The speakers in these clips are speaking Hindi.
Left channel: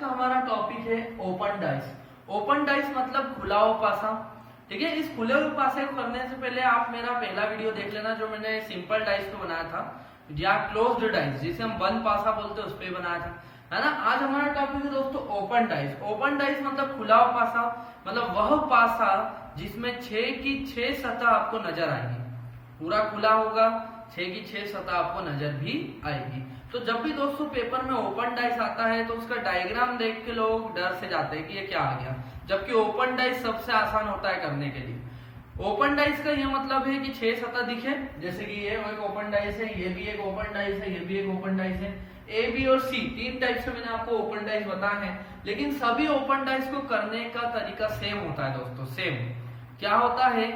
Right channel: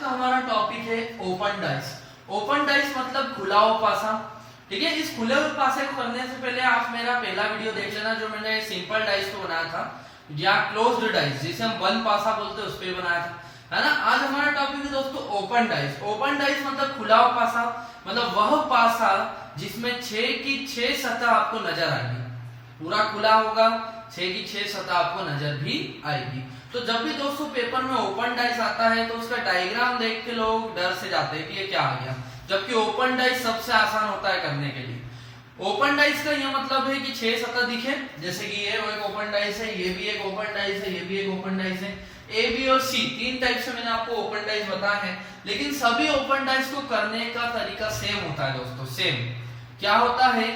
का हमारा टॉपिक है ओपन डाइस। ओपन डाइस मतलब खुला हुआ पासा। ठीक है, इस खुले हुए पासे को करने से पहले आप मेरा पहला वीडियो देख लेना जो मैंने सिंपल डाइस को बनाया था, या क्लोज्ड डाइस जिसे हम वन पासा बोलते हैं उस पे बनाया था, है ना। आज हमारा टॉपिक है दोस्तों ओपन डाइस। ओपन डाइस मतलब खुला हुआ पासा, मतलब वह पासा जिसमें 6 की 6 सतह आपको नजर आएगी, पूरा खुला होगा, 6 की 6 सतह आपको नजर भी आएगी। तो जब भी दोस्तों पेपर में ओपन डाइस आता है तो उसका डायग्राम देख के लोग डर से जाते हैं कि ये क्या आ गया, जबकि ओपन डाइस सबसे आसान होता है करने के लिए। ओपन डाइस का यह मतलब है कि 6 सतह दिखे, जैसे कि ये एक ओपन डाइस है, ये भी एक ओपन डाइस है, ये भी एक ओपन डाइस है। ए, बी और सी 3 टाइप से मैंने आपको ओपन डाइस बताया है, लेकिन सभी ओपन डाइस को करने का तरीका सेम होता है दोस्तों। सेम क्या होता है,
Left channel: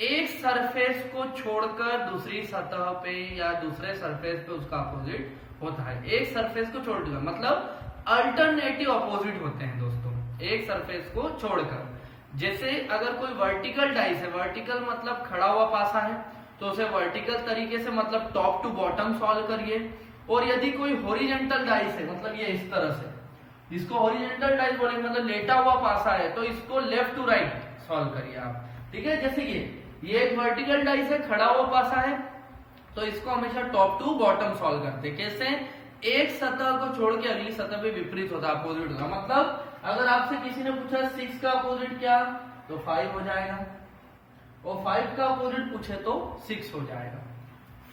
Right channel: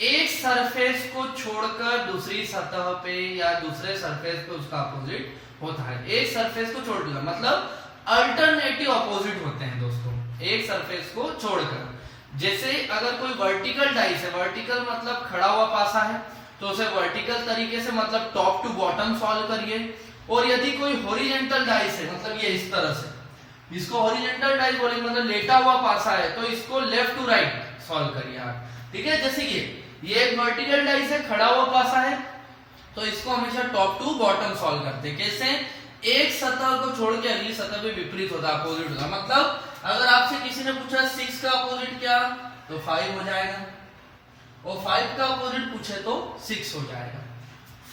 एक सरफेस को छोड़कर दूसरी सतह पे या दूसरे सरफेस पे उसका अपोजिट होता है। एक सरफेस को छोड़कर मतलब अल्टरनेटिव अपोजिट होते हैं दोस्तों, एक सरफेस को छोड़कर। जैसे अगर कोई वर्टिकल डाइस है, वर्टिकल मतलब खड़ा हुआ पासा है, तो उसे वर्टिकल तरीके से मतलब टॉप टू बॉटम सॉल्व करिए। और यदि कोई हॉरिजॉन्टल डाइस है, मतलब ये इस तरह से, इसको हॉरिजॉन्टल डाइस बोलेंगे, मतलब लेटा हुआ पासा है, तो इसको लेफ्ट टू राइट सॉल्व करिए आप। ठीक है, जैसे ये एक वर्टिकल डाइस है, खड़ा हुआ पासा है, तो इसको हमेशा टॉप टू बॉटम सॉल्व करते हैं। कैसे, एक सतह को छोड़ के अगली सतह पे विपरीत होता है, अपोजिट होता है। मतलब अगर आपसे किसी ने पूछा 6 का अपोजिट क्या, तो 5 हो जाएगा, और 5 का अपोजिट पूछे तो 6 हो जाएगा।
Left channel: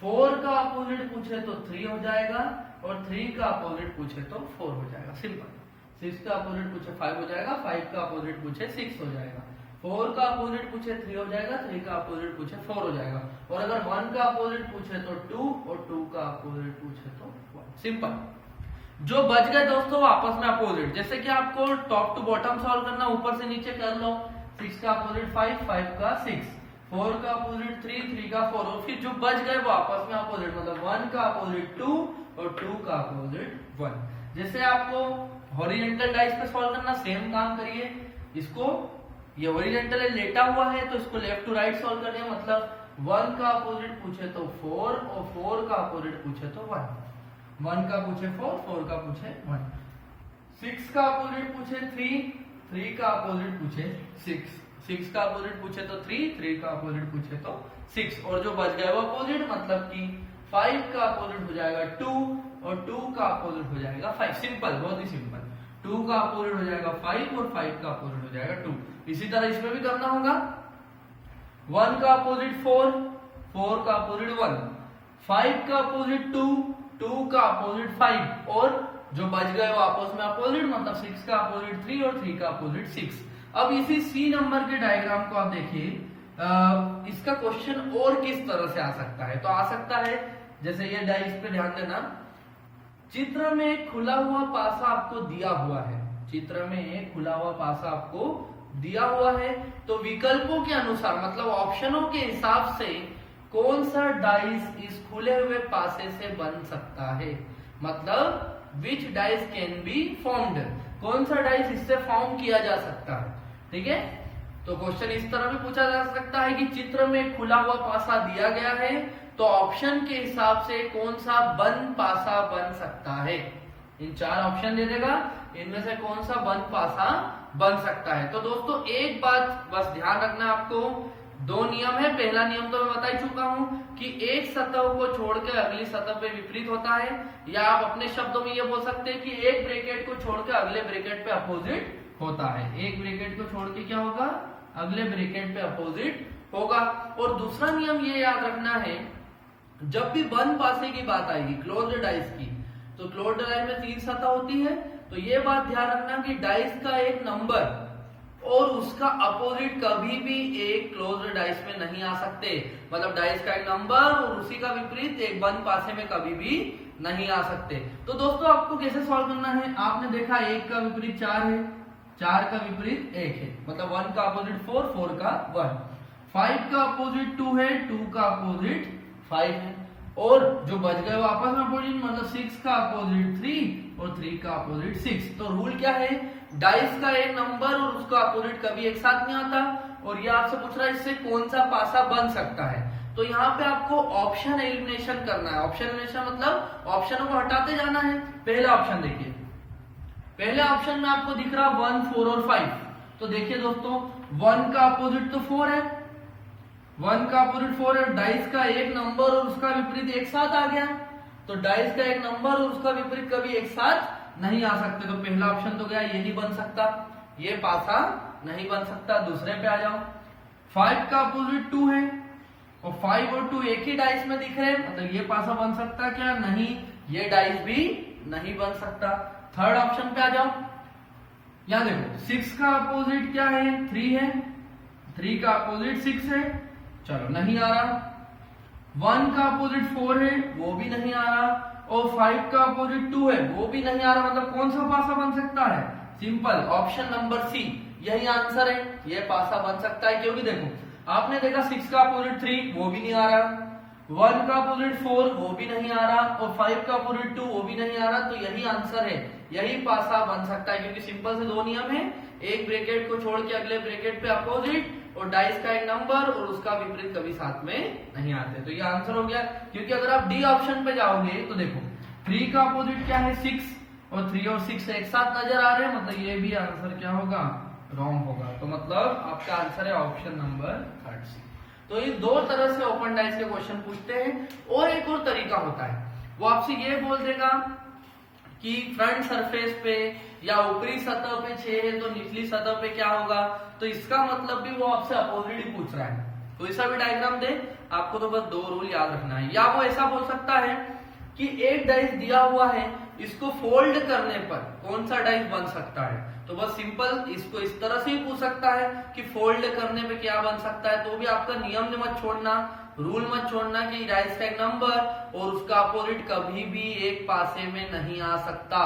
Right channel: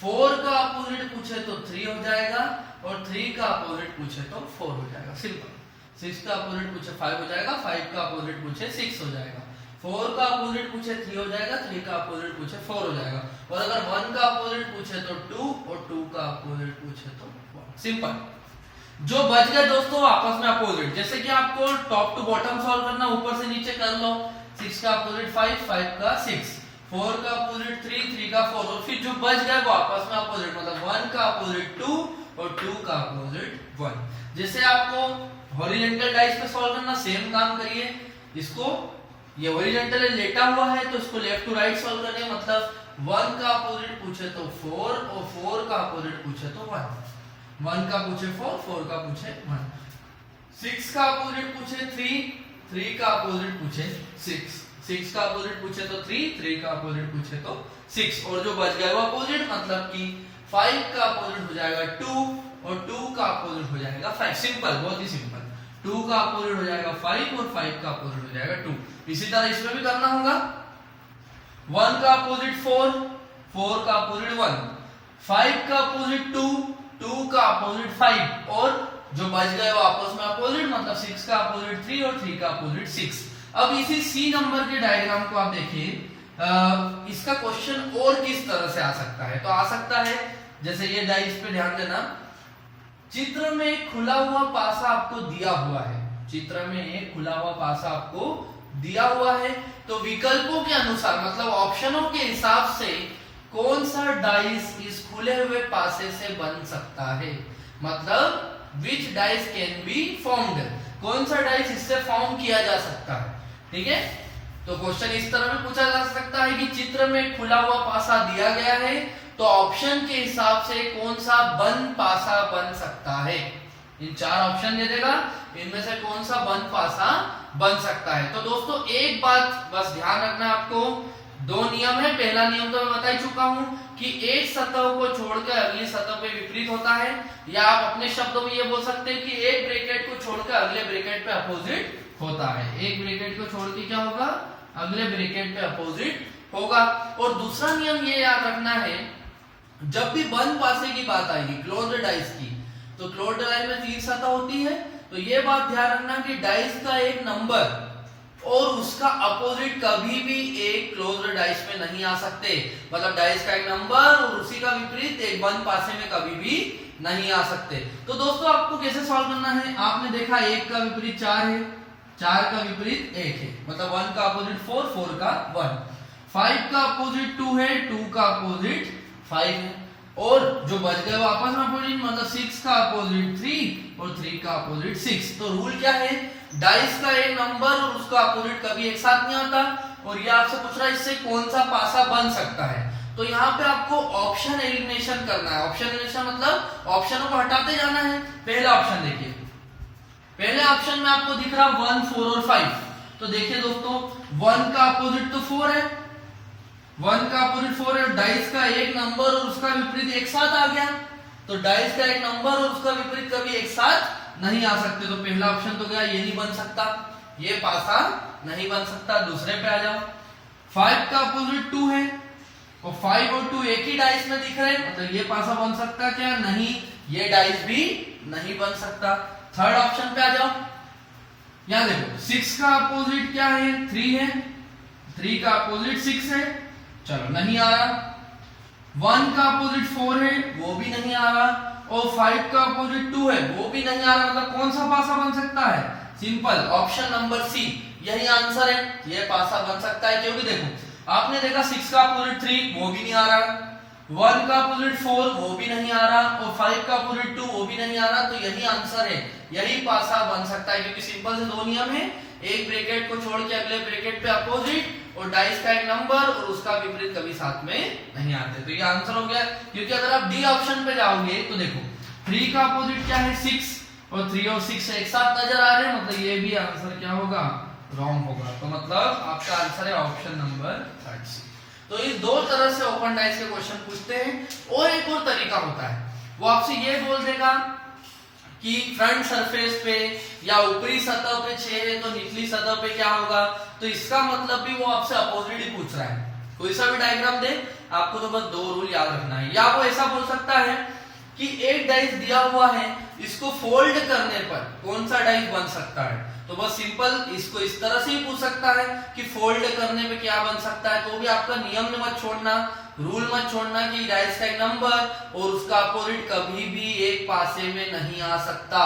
4 का अपोजिट पूछे तो 3 हो जाएगा, और 3 का अपोजिट पूछे तो 4 हो जाएगा। सिंपल। 6 का अपोजिट पूछे 5 हो जाएगा, 5 का अपोजिट पूछे 6 हो जाएगा, 4 का अपोजिट पूछे 3 हो जाएगा, 3 का अपोजिट पूछे 4 हो जाएगा, और अगर 1 का अपोजिट पूछे तो 2, और 2 का अपोजिट पूछे तो 1। सिंपल। जो बच गए दोस्तों आपस में अपोजिट, जैसे कि आपको टॉप टू बॉटम सॉल्व करना, ऊपर से नीचे कर लो। 6 का अपोजिट 5, 5 का 6, 4 का अपोजिट 3, 3 का 4, और फिर जो बच गए वो आपस में अपोजिट, मतलब 1 का अपोजिट 2 और 2 का अपोजिट 1। जैसे आपको हॉरिजॉन्टल डाइस पे सॉल्व करना, सेम काम करिए। इसको ये हॉरिजॉन्टल लेटा हुआ है तो इसको लेफ्ट टू राइट सॉल्व करें, मतलब 1 का अपोजिट पूछे तो 4, और 4 का अपोजिट पूछे तो 1। 1 का पूछे 4, 4 का पूछे 1। 6 का अपोजिट पूछे 3, 3 का अपोजिट पूछे 6, 6 का अपोजिट पूछे तो 3, 3 का अपोजिट पूछे तो 6, और जो बच गया वो अपोजिट, मतलब कि 5 का अपोजिट हो जाएगा 2, और 2 का अपोजिट हो जाएगा 5। सिंपल, बहुत ही सिंपल। 2 का अपोजिट हो जाएगा 5, और 5 का अपोजिट हो जाएगा 2। इसी तरह इसमें भी करना होगा। 1 का अपोजिट 4, 4 का अपोजिट 1, 5 का अपोजिट 2, 2 का अपोजिट 5, और जो बच गए वो आपस में अपोजिट, मतलब 6 का अपोजिट 3 और 3 का अपोजिट 6। अब इसी सी नंबर के डायग्राम को आप देखिए, इसका क्वेश्चन और किस तरह से आ सकता है। तो आ सकता है, जैसे ये डाइस पे ध्यान देना, चित्र में एक खुला हुआ पासा आपको दिया हुआ है, चित्र में एक खुला हुआ पासा आपको दिया हुआ है, तो विकल्पों के अनुसार मतलब ऑप्शनों के हिसाब से कौन सा डाइस इस खुले हुए पासे से बन सकता है, मतलब विच डाइस कैन बी फॉर्म्ड, कौन सा डाइस इससे फॉर्म किया जा सकता है। ठीक है, तो क्वेश्चन इस तरह भी पूछा जा सकता है कि चित्र में खुला हुआ पासा दिया गया है, तो ऑप्शन के हिसाब से कौन सा बंद पासा बन सकता है। इन 4 ऑप्शन दे देगा, इनमें से कौन सा बंद पासा बन सकता है। तो दोस्तों एक बात बस ध्यान रखना आपको, 2 नियम है। पहला नियम तो मैं बता ही चुका हूं कि एक सतह को छोड़कर अगली सतह पे विपरीत होता है, या आप अपने शब्दों में ये बोल सकते हैं कि एक ब्रैकेट को छोड़कर अगले ब्रैकेट पे अपोजिट होता है। एक ब्रैकेट को छोड़ के क्या होगा, अगले ब्रैकेट पे अपोजिट होगा। और दूसरा नियम ये याद रखना है, जब भी बंद पासे की बात आएगी, क्लोज्ड डाइस की, तो क्लोज्ड डाइस में 3 सतह होती है, तो ये बात ध्यान रखना कि डाइस का एक नंबर और उसका अपोजिट कभी भी एक क्लोज्ड डाइस में नहीं आ सकते, मतलब डाइस का एक नंबर और उसी का विपरीत एक बंद पासे में कभी भी नहीं आ सकते। तो दोस्तों आपको कैसे सॉल्व करना है, आपने देखा 1 का विपरीत 4 है, 4 का विपरीत 1 है, मतलब 1 का अपोजिट 4, 4 का 1, 5 का अपोजिट 2 है, 2 का अपोजिट 5 है, और जो बच गए वो आपस में अपोजिट, मतलब 6 का अपोजिट 3 और 3 का अपोजिट 6। तो रूल क्या है, डाइस का एक नंबर और उसका अपोजिट कभी एक साथ नहीं आता, और ये आपसे पूछ रहा है इससे कौन सा पासा बन सकता है। तो यहाँ पे आपको ऑप्शन एलिमिनेशन करना है। ऑप्शन एलिमिनेशन मतलब ऑप्शनों को हटाते जाना है। पहला ऑप्शन देखिए, पहले ऑप्शन में आपको दिख रहा 1, 4 और 5। तो देखिए दोस्तों 1 का अपोजिट तो 4 है, 1 का अपोजिट 4 है, डाइस का एक नंबर और उसका विपरीत एक साथ आ गया। तो डाइस का एक नंबर और उसका विपरीत कभी एक साथ नहीं आ सकते। तो पहला ऑप्शन तो गया, ये नहीं बन सकता, ये पासा नहीं बन सकता। दूसरे पे आ जाओ, 5 का अपोजिट 2 है और 5 और 2 एक ही डाइस में दिख रहे हैं, मतलब ये पासा बन सकता क्या? नहीं, ये डाइस भी नहीं बन सकता। थर्ड ऑप्शन पे आ जाओ, यहां देखो 6 का अपोजिट क्या है? 3 है, 3 का अपोजिट 6 है, चलो नहीं आ रहा। 1 का अपोजिट 4 है, वो भी नहीं आ रहा, और 5 का अपोजिट 2 है, वो भी नहीं आ रहा। मतलब कौन सा पासा बन सकता है? सिंपल, ऑप्शन नंबर सी यही आंसर है, ये पासा बन सकता है। क्योंकि देखो आपने देखा 6 का अपोजिट 3 वो भी नहीं आ रहा, 1 का अपोजिट 4 वो भी नहीं आ रहा, और 5 का अपोजिट 2 वो भी नहीं आ रहा। तो यही आंसर है, यही पासा बन सकता है। क्योंकि सिंपल से दो नियम है, एक ब्रैकेट को छोड़ के अगले ब्रैकेट पे अपोजिट, और डाइस का एक नंबर और उसका विपरीत कभी साथ में नहीं आते। तो ये आंसर हो गया। क्योंकि अगर आप डी ऑप्शन पे जाओगे तो देखो 3 का अपोजिट क्या है? 6, और 3 और 6 एक साथ नजर आ रहे हैं, मतलब ये भी आंसर क्या होगा? रॉन्ग होगा। तो मतलब आपका आंसर है ऑप्शन नंबर 3। तो इस दो तरह से ओपन डाइस के क्वेश्चन पूछते हैं। और एक और तरीका होता है, वो आपसे ये बोल देगा कि फ्रंट सरफेस पे या ऊपरी सतह पे 6 है तो निचली सतह पे क्या होगा? तो इसका मतलब भी वो आपसे अपोजिट ही पूछ रहा है। कोई सा भी डायग्राम दे, आपको तो बस दो रूल याद रखना है। या वो ऐसा बोल सकता है कि एक डाइस दिया हुआ है, इसको फोल्ड करने पर कौन सा डाइस बन सकता है? तो बस सिंपल इसको इस तरह से ही पूछ सकता है कि फोल्ड करने पे क्या बन सकता है। तो भी आपका नियम मत छोड़ना, रूल मत छोड़ना कि डाइस का एक नंबर और उसका अपोजिट कभी भी एक पासे में नहीं आ सकता।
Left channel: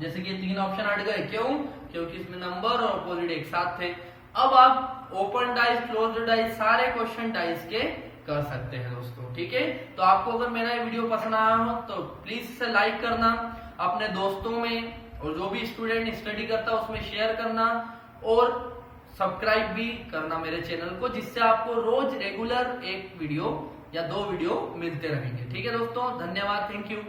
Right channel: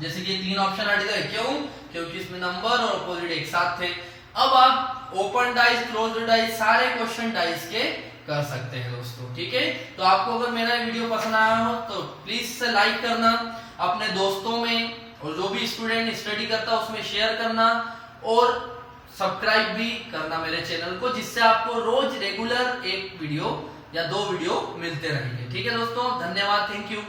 जैसे कि 3 ऑप्शन हट गए, क्यों? क्योंकि इसमें नंबर और अपोजिट एक साथ थे। अब आप ओपन डाइस, क्लोज्ड डाइस, सारे क्वेश्चन डाइस के कर सकते हैं दोस्तों। ठीक है, तो आपको अगर मेरा वीडियो पसंद आया हो तो प्लीज से लाइक करना, अपने दोस्तों में और जो भी स्टूडेंट स्टडी करता है उसमें शेयर करना, और सब्सक्राइब भी करना मेरे चैनल को, जिससे आपको रोज रेगुलर एक वीडियो या 2 वीडियो मिलते रहेंगे। ठीक है दोस्तों, धन्यवाद, थैंक यू।